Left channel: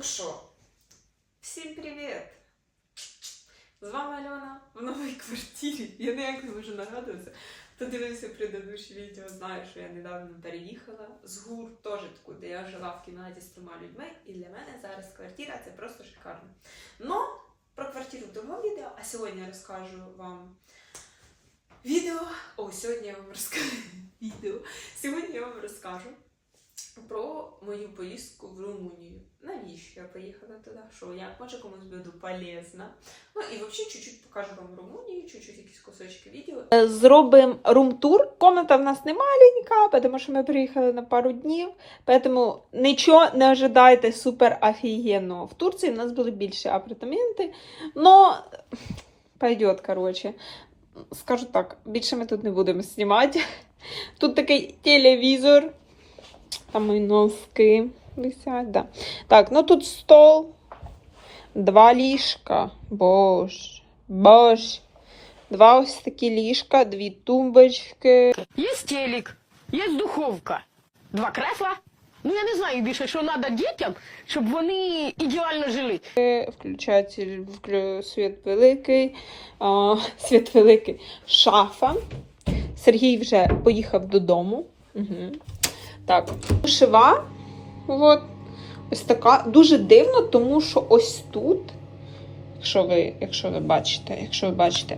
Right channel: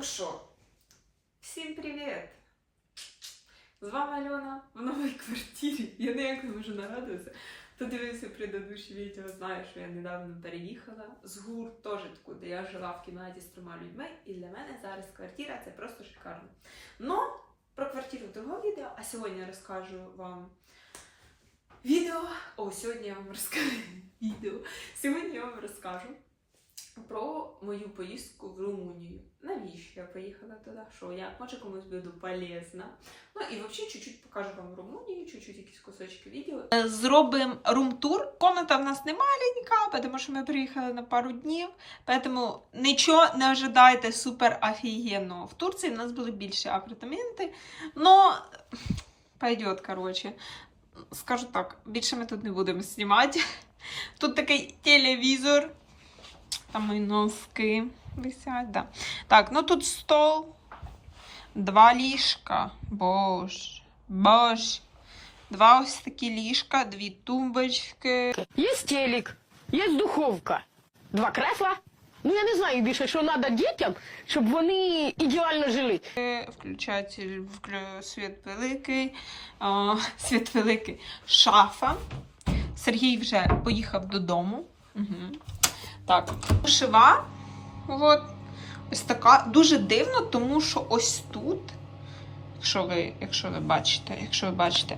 Ну що, всім привіт! З вами Альона в новій квартирі. Я ніяк не можу нарадитися. Хто дивився предыдущее відео, знає, що я недавно переїхала з гуртожитку, де я жила в кімнаті з трьома людьми, і для мене зараз квартира це просто шикарно. Но про квартиру в другому відео, а сьогодні я розкажу вам відео. О, сьогодні я вам розкажу відео. Сьогодні я вам розкажу про мою поїздку в Румунію. Я поїхала туди? Що як може комусь буду полезна? Ну і взагалі чуть-чуть покажу вам Румунію, чуть-чуть якісь кусочки відео. Е, Зробимо рум-тур. Комната в нас не маленька, тому що ми приїхали на пару днів. Тому нічого не ожидайте супер офігенного. В Турції в нас були більші апартаменти. Но пойдет, коротше. Скажу так, більше ми тут не будемо знімати. Тут такий телевізор. Там мої носки висять, да. Так, ну тут стол, два ліжка. Боже, боже. Два ось такі ліжка, дві тумбочки. Есть телек, есть духовка, два кресла. Ну я не знаю більше, що треба дітям, щоб вони ідеально жили. Включається вклю- світ великий, а, світ великий, шафа. Сергій вже поїхав додому. Угу. Так, шива. От. Ось така. Дуже дивно, тому що ось тут, якщо ви, якщо ви бачите, якщо ви бачите,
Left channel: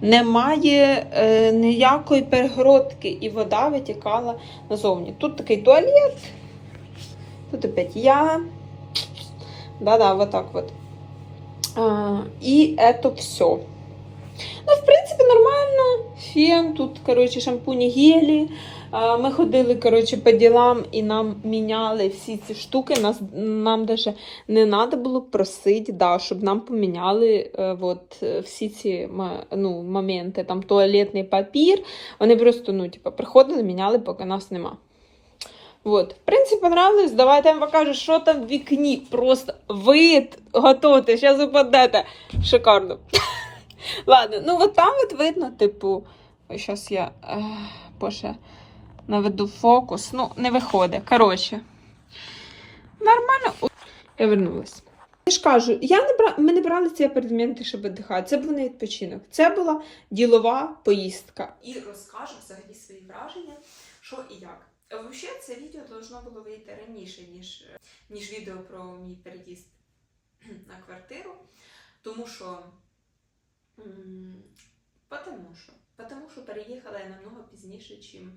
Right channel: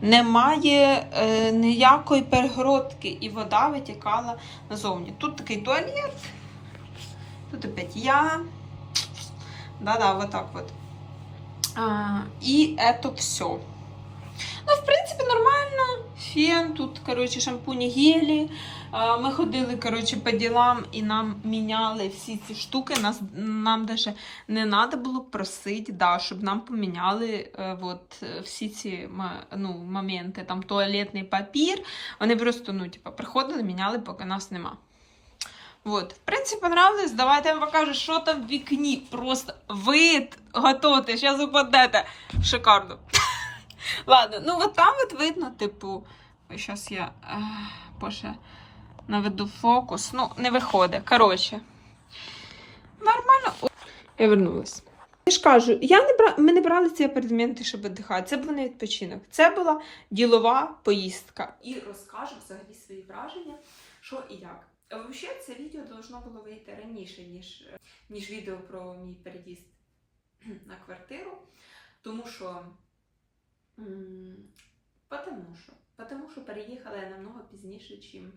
немає е, ніякої перегородки, і вода витікала назовні. Тут такий туалет. Тут опять я. Да-да, вот так вот. А, и это все. Ну, в принципі, нормально. Фен, тут, коротше, шампуні гелі. Ми ходили, коротше, по ділам і нам міняли всі ці штуки. Нас, нам даже не треба було просити, да, щоб нам поміняли е, от, е, всі ці ну, моменти. Там туалетний папір. Вони просто, ну, типу, приходили, міняли, поки нас нема. Вот. В принципі, понравилось. Давайте я вам покажу, що там в вікні. Просто вид готовте, зараз упадете. Шикарно. Ладно, ну от там от видно, типу, зараз я, ех, боже, наведу фокус. Ну, не виходить. Коротше. Нормально. Я вернулась. Я ж кажу, я не бра... ми не брали ці апартаменти, щоб віддихати. Це був не відпочинок. Це була ділова поїздка. І розкажу взагалі свої враження, що і як. Взагалі, це відео должно було вийти раніше, ніж, ніж відео про мій переїзд на квартиру. Тому що. Потому що. Переїхала я намного пізніше, чим,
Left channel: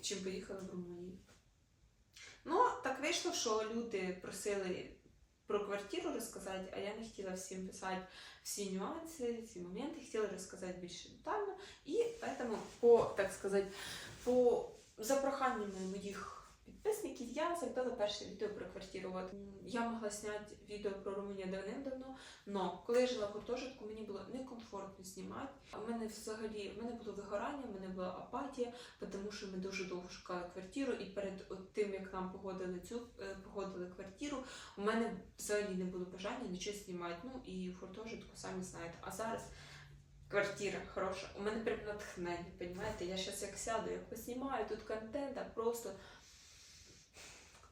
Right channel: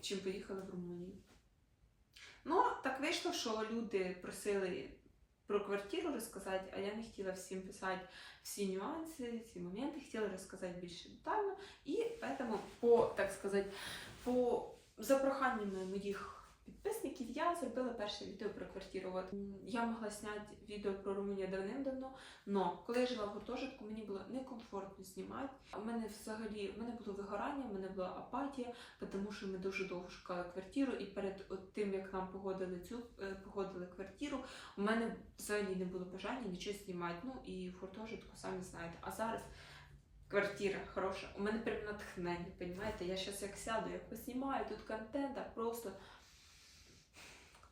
чим поїхала в Румунію. Ну, так вийшло, що люди просили про квартиру розказати, а я не хотіла всім писати всі нюанси, всі моменти, хотіла розказати більше детально. І поэтому, по, так сказати, по за проханнями моїх підписників я зробила перше відео про квартиру. От я могла зняти відео про Румунію давним-давно, але коли я жила в гуртожитку, мені було некомфортно знімати. У мене взагалі в мене було вигорання, в мене була апатія, тому що ми дуже довго шукали квартиру, і перед тим, як нам погодили цю е, погодили квартиру, у мене взагалі не було бажання нічого знімати. Ну і в гуртожитку, самі знаєте. А зараз квартира хороша. У мене прям натхнення, розумієте? Я зараз як сяду, як поснімаю тут контент, а просто.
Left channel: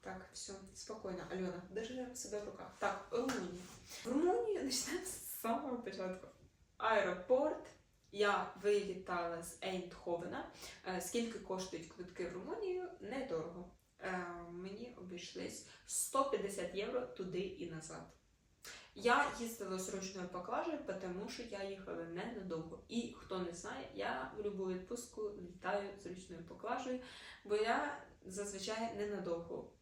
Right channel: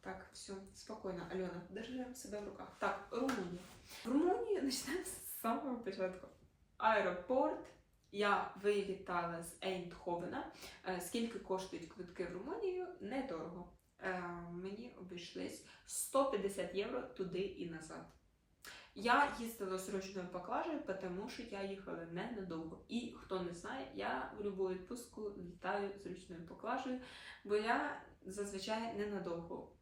Так, все, спокійно, Альона, держи себе в руках. Так, Румунія. В Румунію почнемо з самого початку. Аеропорт. Я вилітала з Ейндховена. Е, Скільки коштують квитки в Румунію? Недорого. Е, Мені обійшлись 150 євро туди і назад. Я їздила з ручною поклажею, тому що я їхала ненадовго. І хто не знає, я в будь-яку відпустку літаю з ручною поклажею, бо я зазвичай ненадовго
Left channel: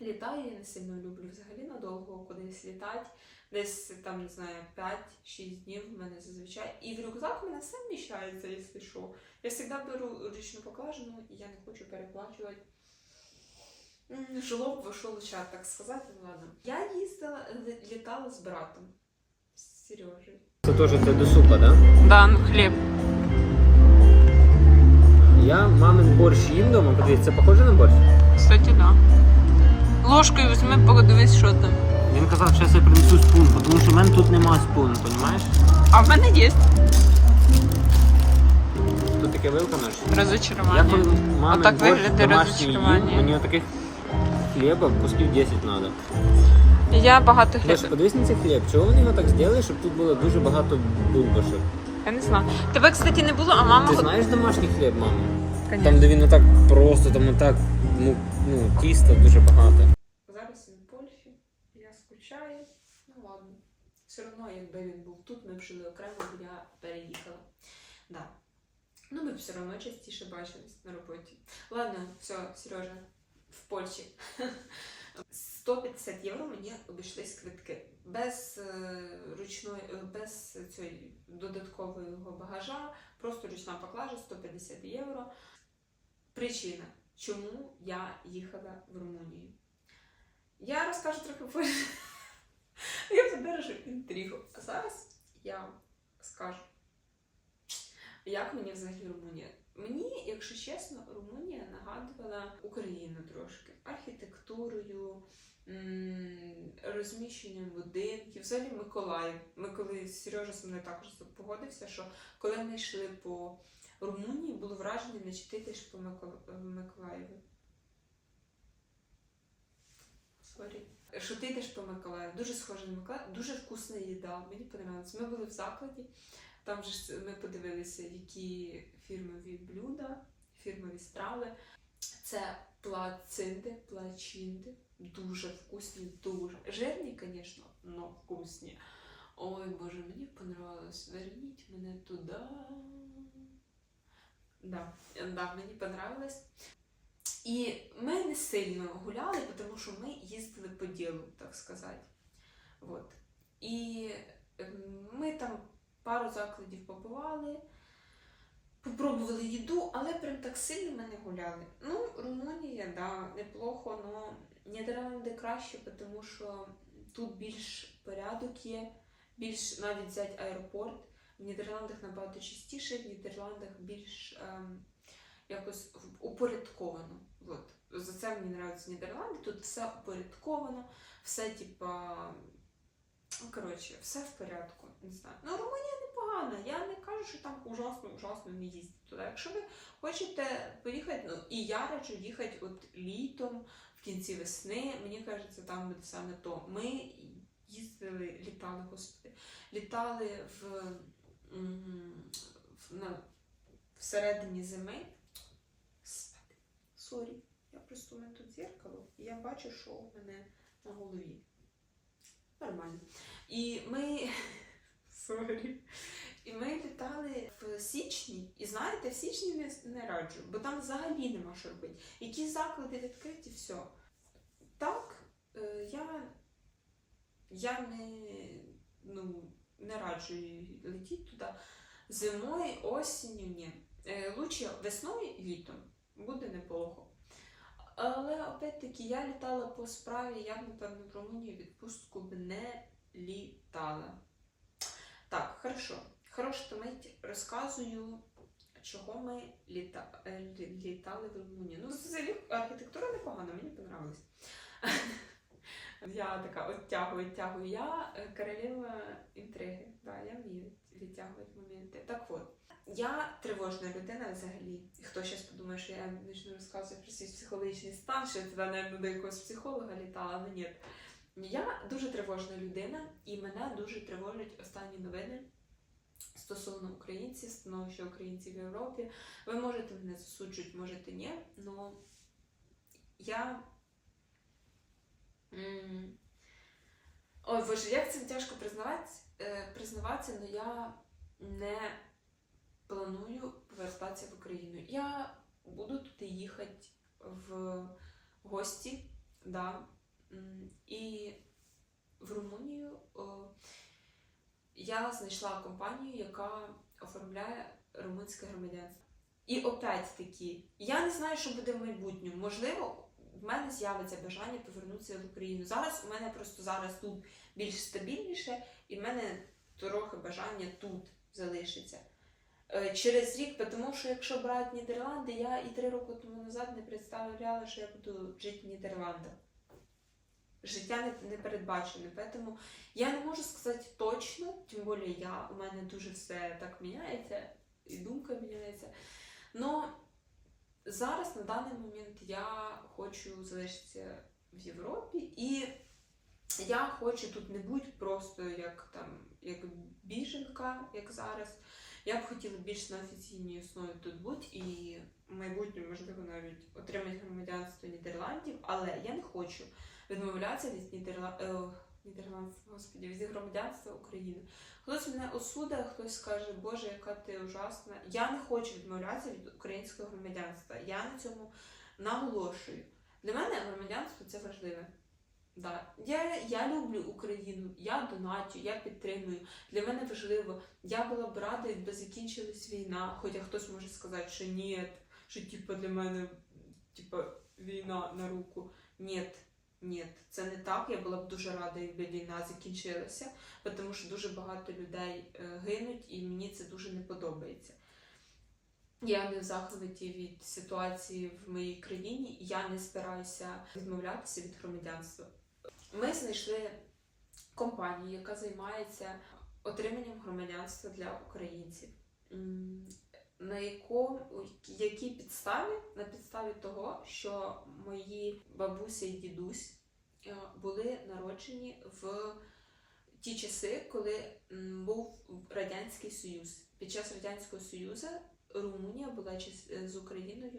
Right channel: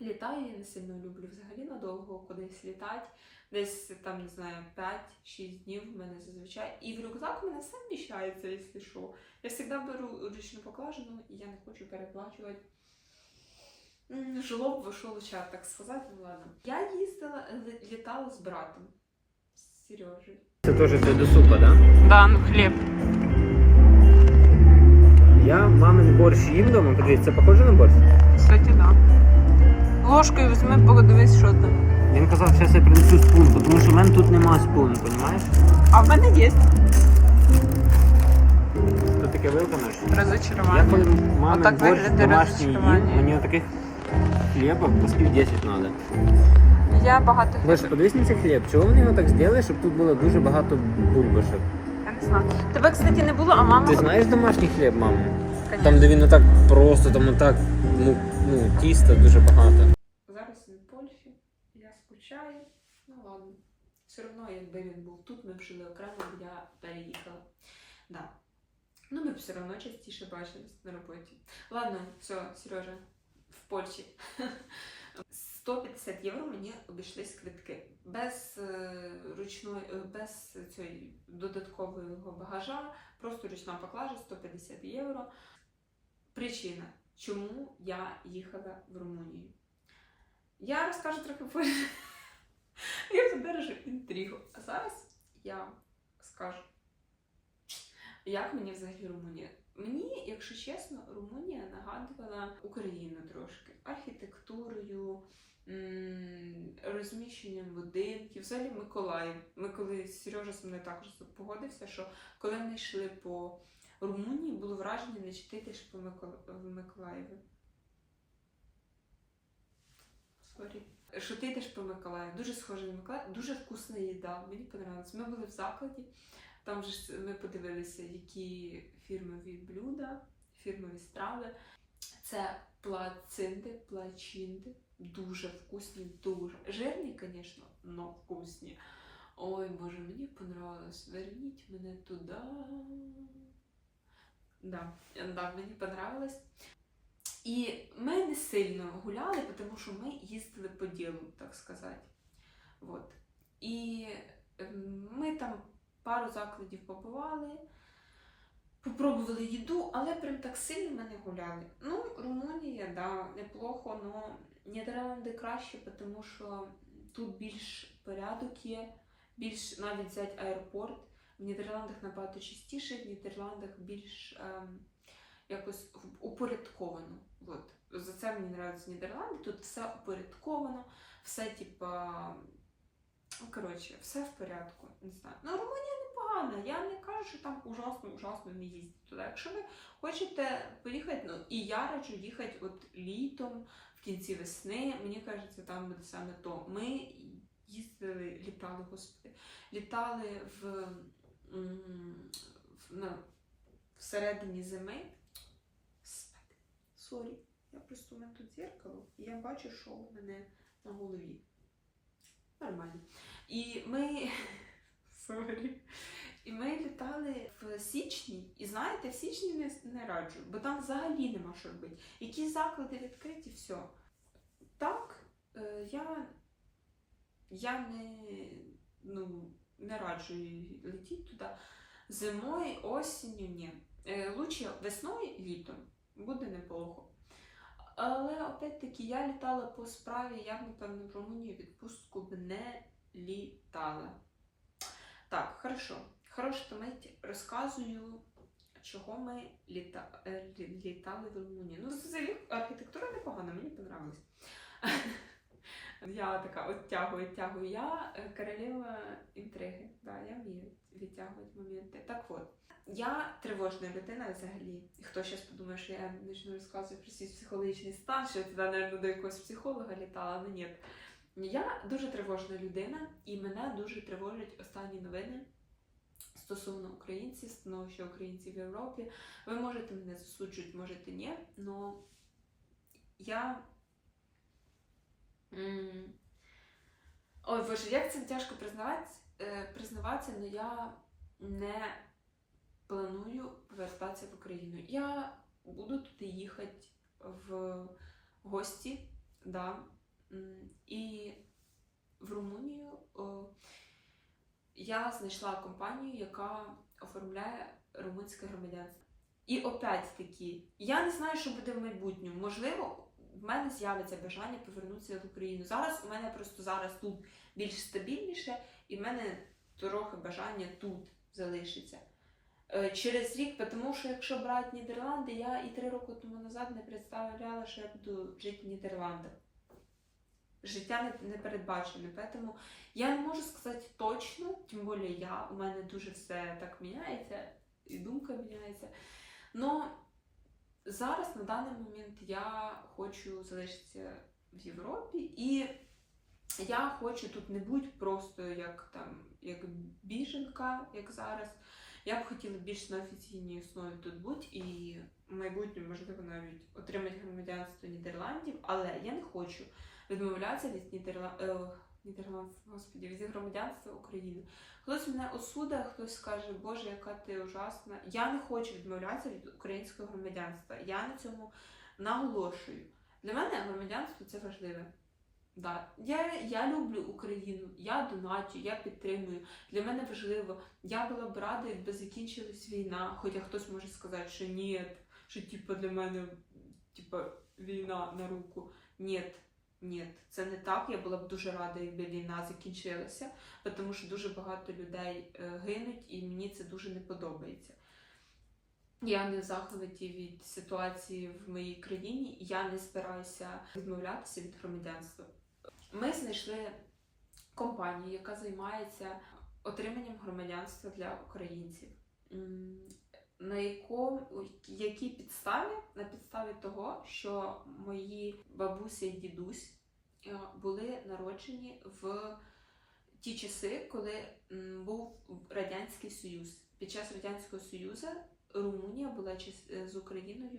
літаю. Я не сильно люблю взагалі надовго кудись літати. Десь там, не знаю, 5-6 днів в мене зазвичай. І в рюкзак в мене все вміщається, якщо що. Я завжди беру ручну поклажену, і я не хочу переплачувати. Жлоб вийшов чат, так сказати, ну ладно. Я їздила, літала з братом, з Сережею. Це теж це до супа, да? Да, ну хліб. Я мамин борщ їм вдома, подивіться, це похоже на борщ? Кстати, да. Ложкою візьми, подивись, що там. Він казав, що я принесу спун, тому що в мене тут немає спун, розумієш? А в мене є Тут таке вилка. Я розочарування. коли мамин Отак борщ виглядає домашній їм, розчарування. мені отаких хліба кусків 10 треба. Я багато Леш, подивись на цей хліб. Чого вони його так зробили, щоб тут було дуже багато бульбашок? Я не знаю. Тебе, кстати, не було, а мама. Ти знаєш домашній хліб, мами? Конечно. Там, де він отак просто, там отак, ну, ну, тіста дуже багато. Зараз він в Польщі, я скучаю. Ну ладно. Все одно, якби він був тут, ми б жили окремо, бо я переїхала. Да. Ну, ми б все одно частіше бачились на роботі. Ладно, все, Сережа, в Польщі. 150 євро мені обійшлись квитки. Без е, ручної, е, без цієї додаткового багажа, просто ручна поклажа 150 євро. Причина, чому я їхала в Румунію. Я розкажу трохи позже. Я подержу інтригу. А зараз я скажу, як мені взагалі Румунія. Мені, якщо чесно, Румунія нагадувала Україну трошки архітектурою, розміщенням будинків, взагалі Миколаїв. Ми коли Сережа з мною також погодився, що коли ми йшли по Румунії, було враження, ти йдеш по Микол- Миколаєву. Сорі. Що ти по Миколаїв? Дуже схоже на Миколаїв, дуже вкусна їда. Мені подобалось. Ми були в закладі, там же ми подивилися, які фірмові блюда, фірмові страви. Це плацинди, плачинди. Дуже вкусні, дуже. Жирні, звісно, але вкусні. Ой, Боже, мені понравилось. Верніть мене туди. Да, да, мені понравилось. І ми не сильно гуляли, тому що ми їздили по ділу, так сказати. Вот. І ем, ми там пару закладів побували, попробували їду, але прям так сильно ми не гуляли. Ну, Румунія, да, неплохо, але Нідерланди краще, тому що тут більш порядок є, більш навіть взяти аеропорт. В Нідерландах набагато частіше, в Нідерландах більш ем, якось упорядковано. От. За це мені подобаються Нідерланди. Тут все упорядковано, все типа. ну, Коротше, все в порядку. Не знаю. Ну, Румунія непогана. Я не кажу, що там ужасно, ужасно не їздити туди. Якщо ви хочете поїхати, ну і я раджу їхати от літом, в кінці весни. Мені кажеться, там буде саме то. Ми їздили, літали, господи, літали в, на, всередині зими. Сорі. Я просто у мене тут зеркало, і я бачу, що у мене на голові. Нормально. І ми. Сорі. І ми літали в січні, і знаєте, в січні не, не раджу, бо там взагалі нема що робити. Які заклади відкриті, все. Так, е, я, я не, ну, не раджу летіти туди. Зимою, осінню ні. Е, Лучше весною літом буде неплохо. Але опять-таки я літала по справі, я б, напевно, в Румунію відпустку б не літала. Так, хорошо. Хороша мить розказую, чого ми літа... е, літали в Румунію. Ну, взагалі, архітектура непогана, мені понравилась. Я така оттягую, відтягую. Я е, королева інтриги. Да, я вмію відтягувати моменти. Так от, я тривожна людина взагалі. Хто зараз подумає, що я почну розказувати про свій психологічний стан, що туди, наверное, до якогось психолога літала, ну ні. Я дуже тривожна людина, і мене дуже тривожать останні новини стосовно українців, становища українців в Європі. Ви можете мене засуджувати, можете ні, але я. Ой, боже, як це тяжко признаватися, е, признаватися, але я не планую повертатися в Україну. Я буду туди їхати в гості, да. І в Румунію я знайшла компанію, яка оформляє румунське громадянство. І опять таки, я не знаю, що буде в майбутньому. Можливо, в мене з'явиться бажання повернутися в Україну. Зараз у мене просто зараз тут більш стабільніше, і в мене трохи бажання тут залишиться. Е, Через рік, тому що якщо брати Нідерланди, я і три роки тому назад не представляла, що я буду жити в Нідерландах. Життя не, не передбачене. Тому я не можу сказати точно, тим більше я, у мене дуже все так міняється, і думка міняється. Но зараз на даний момент я хочу залишитися в Європі, і я хочу тут не бути просто як там як біженка, як зараз. Я б хотіла більш на офіційній основі тут бути і в майбутньому, можливо, навіть отримати громадянство Нідерландів, але я не хочу відмовлятися від Нідерла... Нідерландського, господі, від громадянства України. Хтось мене осудить, хтось скаже, Боже, яка ти ужасна. Я не хочу відмовлятися від українського громадянства. Я на цьому наголошую. Для мене громадянство це важливе. Да. Я, я люблю Україну, я донатю, я підтримую. Для мене важливо. Я була б рада, якби закінчилась війна. Хоча хтось може сказати, що ні, що типу, для мене типу, війна на руку. Ні, ні, це не так. Я була б дуже рада, якби війна закінчилася, тому що дуже багато людей е, гинуть, і мені це дуже не подобається. Я не в захваті від ситуації в моїй країні, я не збираюся відмовлятися від громадянства. Ми знайшли компанію, яка займається отриманням громадянства для українців. На якому якій підставі? На підставі того, що мої бабуся і дідусь е, були народжені в ті часи, коли був Радянський Союз. Під час Радянського Союзу Румунія була чис- з Україною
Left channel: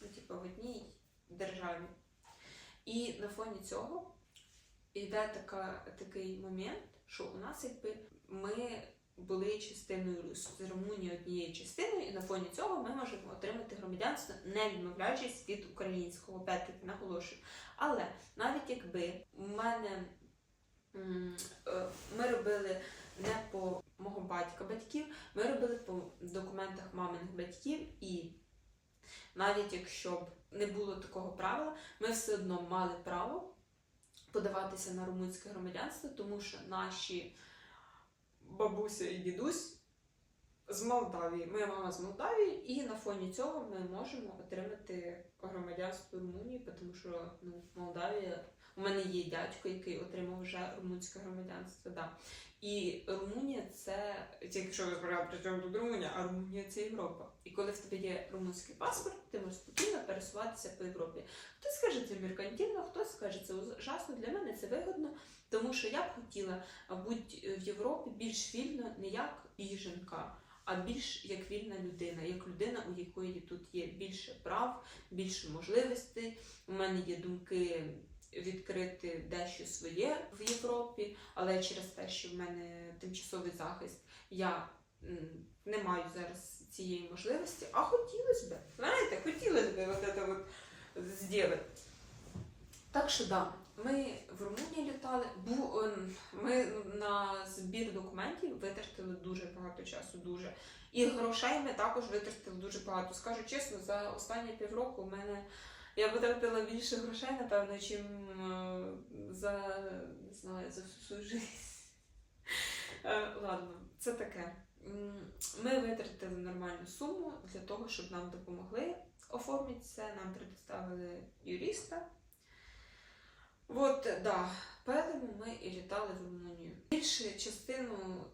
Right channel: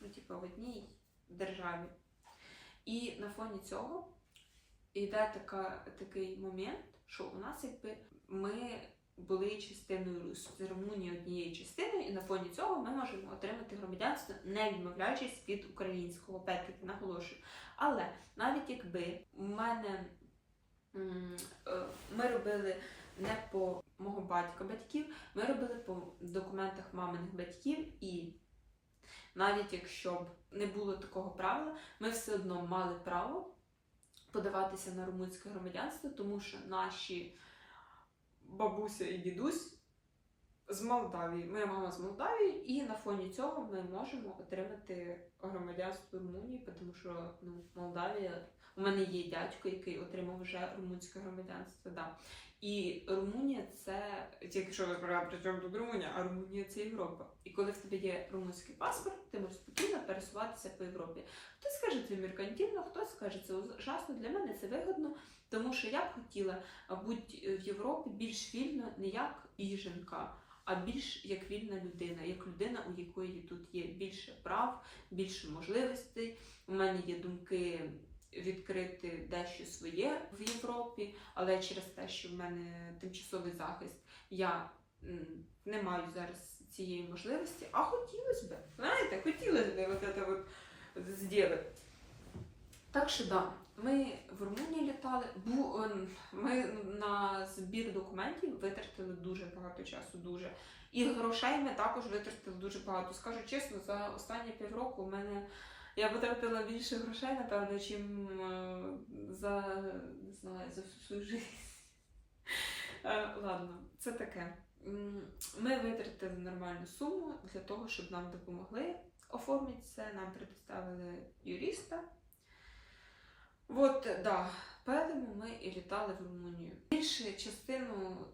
ну, типу, в одній державі. І на фоні цього йде така, такий момент, що у нас якби ми були частиною з Румунії однією частиною, і на фоні цього ми можемо отримати громадянство, не відмовляючись від українського, опять-таки наголошую. Але навіть якби у мене е, ми робили не по мого батька батьків, ми робили по документах маминих батьків, і навіть якщо б не було такого правила, ми все одно мали право подаватися на румунське громадянство, тому що наші бабуся і дідусь з Молдавії. Моя мама з Молдавії, і на фоні цього ми можемо отримати громадянство Румунії, тому що ну, Молдавія. У мене є дядько, який отримав вже румунське громадянство. Да. І Румунія це тільки що ви при чому тут Румунія, а Румунія це Європа. І коли в тебе є румунський паспорт, ти можеш спокійно пересуватися по Європі. Хтось скаже це меркантильно, хтось скаже це ужасно. Для мене це вигодно, тому що я б хотіла бути в Європі більш вільно, не як біженка, а більш як вільна людина, як людина, у якої тут є більше прав, більше можливостей. У мене є думки відкрити дещо своє в Європі, але через те, що в мене тимчасовий захист, я не маю зараз цієї можливості. А хотілося б, знаєте, хотілося б вот это вот зробити. Так що да, ми в Румунії літали. Бу, ем, ми на збір документів витратили дуже багато часу, дуже. І грошей ми також витратили дуже багато. Скажу чесно, за останні півроку в мене я потратила більше грошей, напевно, чим е, за не знаю, за всю свою життя. Е, Ладно, це таке. Ми витратили нормальну суму для того, щоб нам допомогли оформити це. Нам предоставили юриста. От, да, поэтому ми і літали в Румунію. Більшу частину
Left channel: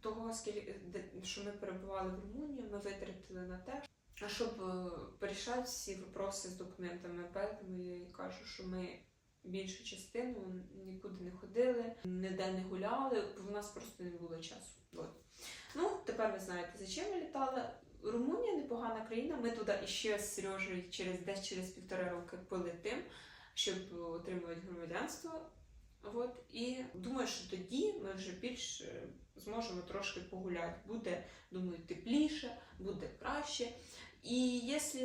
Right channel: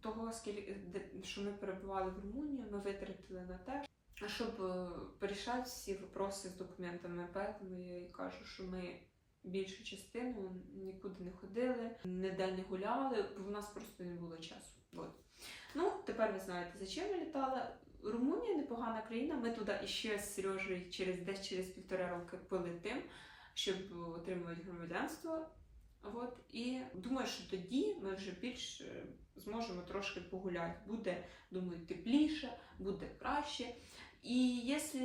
того, скільки що ми перебували в Румунії, ми витратили на те, щоб е, порішати всі вопроси з документами. Поэтому я і кажу, що ми більшу частину нікуди не ходили, ніде не гуляли, бо в нас просто не було часу. От. Ну, тепер ви знаєте, за чим ми літали. Румунія непогана країна. Ми туди іще з Сережею через десь через півтора роки полетим, щоб отримувати громадянство. От. І думаю, що тоді ми вже більш е, зможемо трошки погуляти. Буде, думаю, тепліше, буде краще. І якщо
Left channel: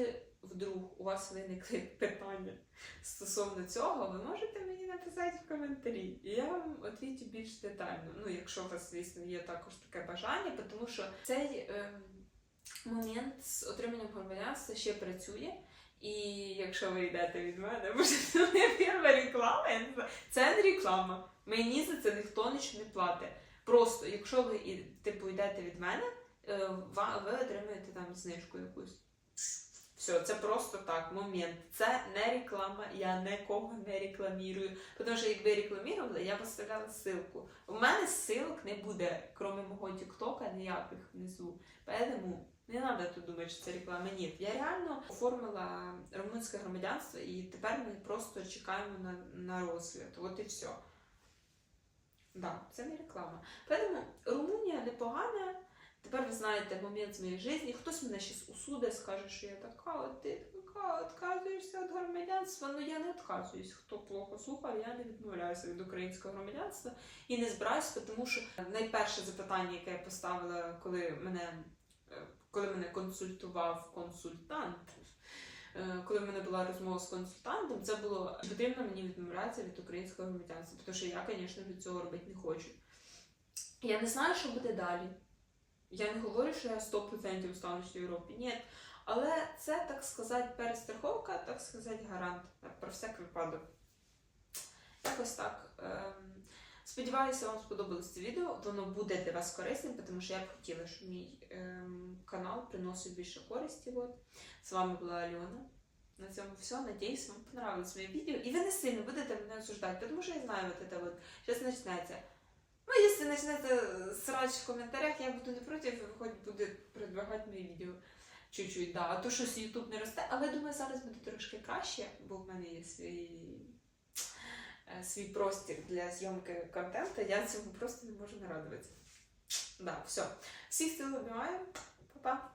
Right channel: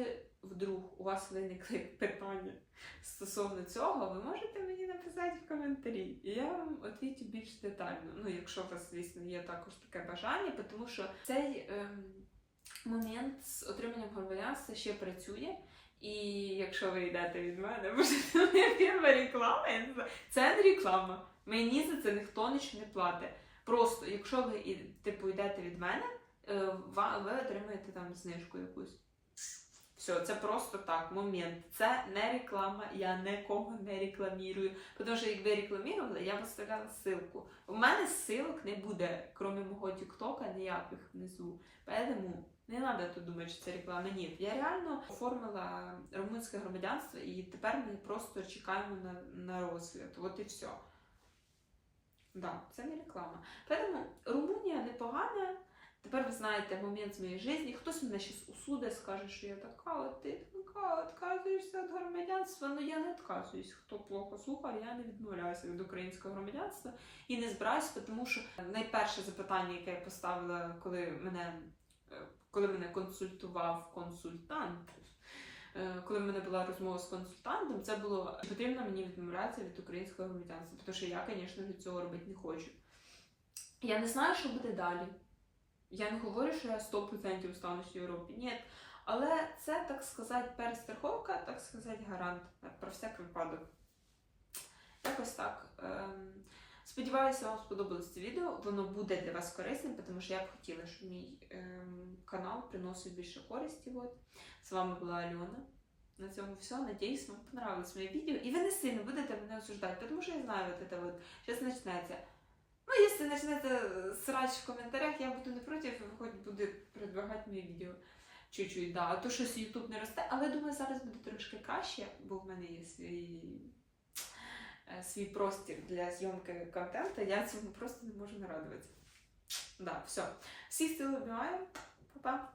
вдруг у вас виникли питання стосовно цього, ви можете мені написати в коментарі, і я вам відповідю більш детально. Ну, якщо у вас, звісно, є також таке бажання, тому що цей ем, момент з отриманням громадянства ще працює. І якщо ви йдете від мене, бо це моя перша реклама, це не реклама. Мені за це ніхто нічого не платить. Просто, якщо ви типу йдете від мене, е, ви отримаєте там знижку якусь. Все, це просто так, момент. Це не реклама, я нікого не рекламірую. Тому що якби рекламірували, я б оставляла ссылку. У мене ссылок не буде, крім мого тіктока, ніяких внизу. Поэтому Не треба тут думати, що це реклама. Ні, я реально оформила румунське громадянство і тепер ми просто чекаємо на, на розгляд. От і все. Да, це не реклама. Тому Румунія непогана. Тепер ви знаєте момент з моєї житті. Хтось мене зараз усуде, скаже, що я така, от ти така, відказуєшся від громадянства. Ну я не відказуюсь. Хто плохо слухав, я не відмовляюся від українського громадянства і не збираюся, тому що найперше запитання, яке я поставила, коли мене, е, коли мене консультував консультант. е, Коли в мене була розмова з консультантом, це було потрібно мені відмовлятися від українського громадянства, тому що я, звісно, від цього робити не хочу. Я не знаю, що буде далі. Я не говорю, що я 100% останусь в Європі. Ні. Але це, так сказати, перестраховка, так сказати, гарант про всяк випадок. Якось так. Ем, Сподіваюся, вам сподобалось це відео. Воно буде для вас корисним, тому що я б хотіла, щоб мій ем, канал приносив більше користі. От. З вами була Альона. На цьому все. Надіюсь, вам понравилось моє відео. І ви не сильно будете мене осуждати, тому що я знаю, вот это вот зараз почнеться. Ну, якщо почнете срач в коментарях, я буду не проти, хоч буде продвигати моє відео. Чуть-чуть, да. А то щось YouTube не росте, але думаю, зараз буде трошки краще, бо в мене є свій, е, свій простір для зйомки контенту. Я цьому просто не можу нарадуватися. Да, все. Всіх обіймаю. Па-па.